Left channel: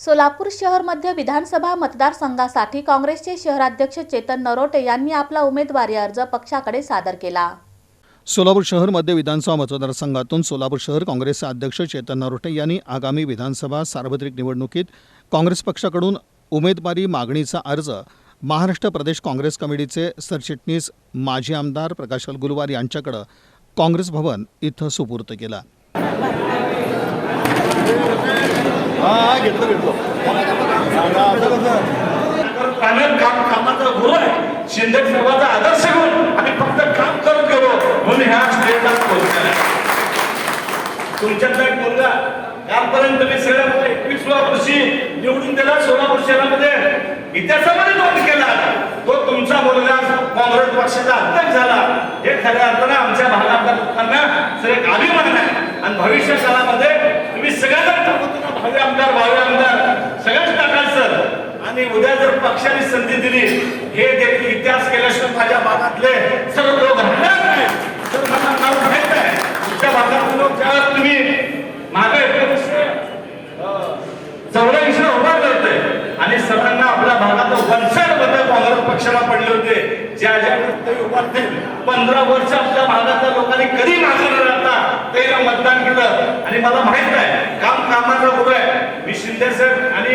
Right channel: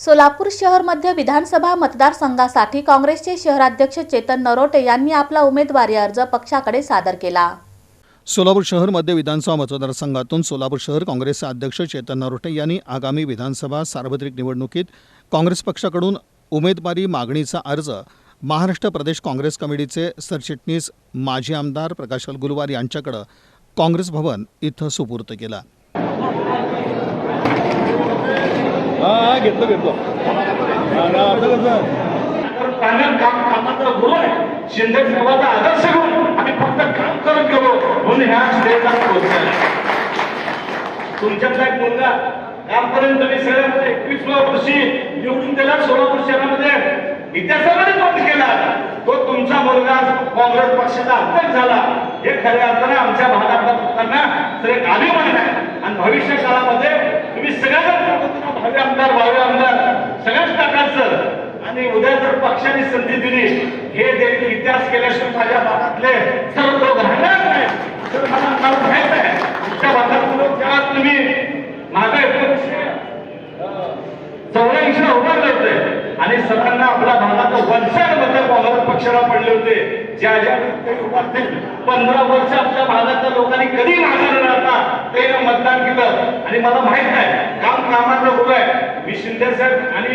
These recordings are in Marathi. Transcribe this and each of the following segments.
सोलापूर शहर मध्य विधानसभा मतदारसंघासाठी काँग्रेसचे शहराध्यक्ष चेतन नरोटे यांनी आपला उमेदवारी अर्ज पक्षाकडे सादर केला. सोलापूर शहर मध्य विधानसभा मतदारसंघातून सोलापूर शहर काँग्रेसचे अध्यक्ष चेतन नरोटे यांनी आगामी विधानसभा सार्वत्रिक निवडणुकीत काँग्रेस पक्षाकडून उमेदवारी मागणीचा अर्ज महाराष्ट्र प्रदेश काँग्रेस कमिटीचे सरचिटणीस माजी आमदार प्रकाशल अलगुलवार यांच्याकडं काँग्रेस भवन इथं सुपूर्त केला. हा घेतलं घेतलं. काम कामाचा गुरु आहे. शिंदे साहेबांचा आदर्श घेऊन आम्ही फक्त काम करत गेलो म्हणून ह्या स्टेजला पोहोचलेला तुमच्यातला एक मुलगा यापर्यंत तुम्ही सगळ्या एकवीसव्या वर्षी निवडून दिला सोलापूर शहरामध्ये इतिहासामध्ये नोंद केला. तो तुमचा मुलगा काँग्रेस पक्षाचा अध्यक्ष झाला. हे खऱ्या अर्थानं आमच्या भागातल्या लोकांना सगळे अभिमान आहे आणि भविष्य काळामध्ये तुम्ही सगळ्यांना टाकतो आमदार भावी आमदार सगळ्याच टाकायचं आणि उद्या जर पक्षाने संधी दिली हे देखील इतिहास केल्याशिवाय माझ्या भागातले सर्व लोक राहणार नाही तर मला नाव माहीत आहे तुमच्या भागातले लोक ज्या तुम्ही मागे एकोणीसशे चौऱ्याऐंशी उभा करते आणि सगळ्यांना आपल्या भागात वंचन बदल काँग्रेस पक्षाला पडले होते. ज्या ज्या ते उभारतील पंधरा वर्ष आपल्या भागातल्या लोकांनी कधी मागे न राहता त्याला मतदान केलं. आणि मला माहीत आहे कामाकडे कामाचं उभं आहे मी शिंदे साहेब आणि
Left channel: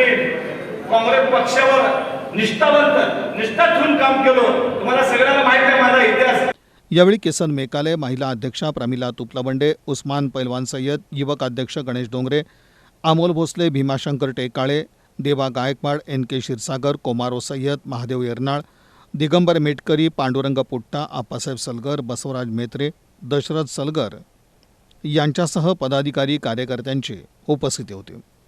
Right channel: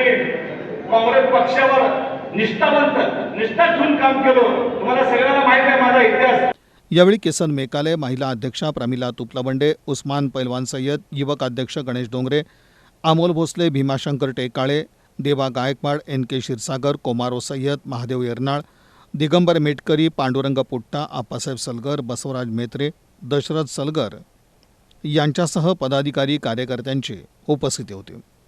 काँग्रेस पक्षावर निष्ठावंत निष्ठा ठेवून काम केलो. तुम्हाला सगळ्यांना माहीत आहे माझा इतिहास. यावेळी किसन मेकाले महिला अध्यक्षा प्रमिला तुपलाबंडे उस्मान पैलवान सय्यद युवक अध्यक्ष गणेश डोंगरे अमोल भोसले भीमाशंकर टेकाळे देवा गायकवाड एन के क्षीरसागर कोमारो सय्यद महादेव येरनाळ दिगंबर मेटकरी पांडुरंग पुट्टा आप्पासाहेब सलगर बसवराज मेत्रे दशरथ सलगर. यांच्यासह पदाधिकारी कार्यकर्त्यांची उपस्थिती होती.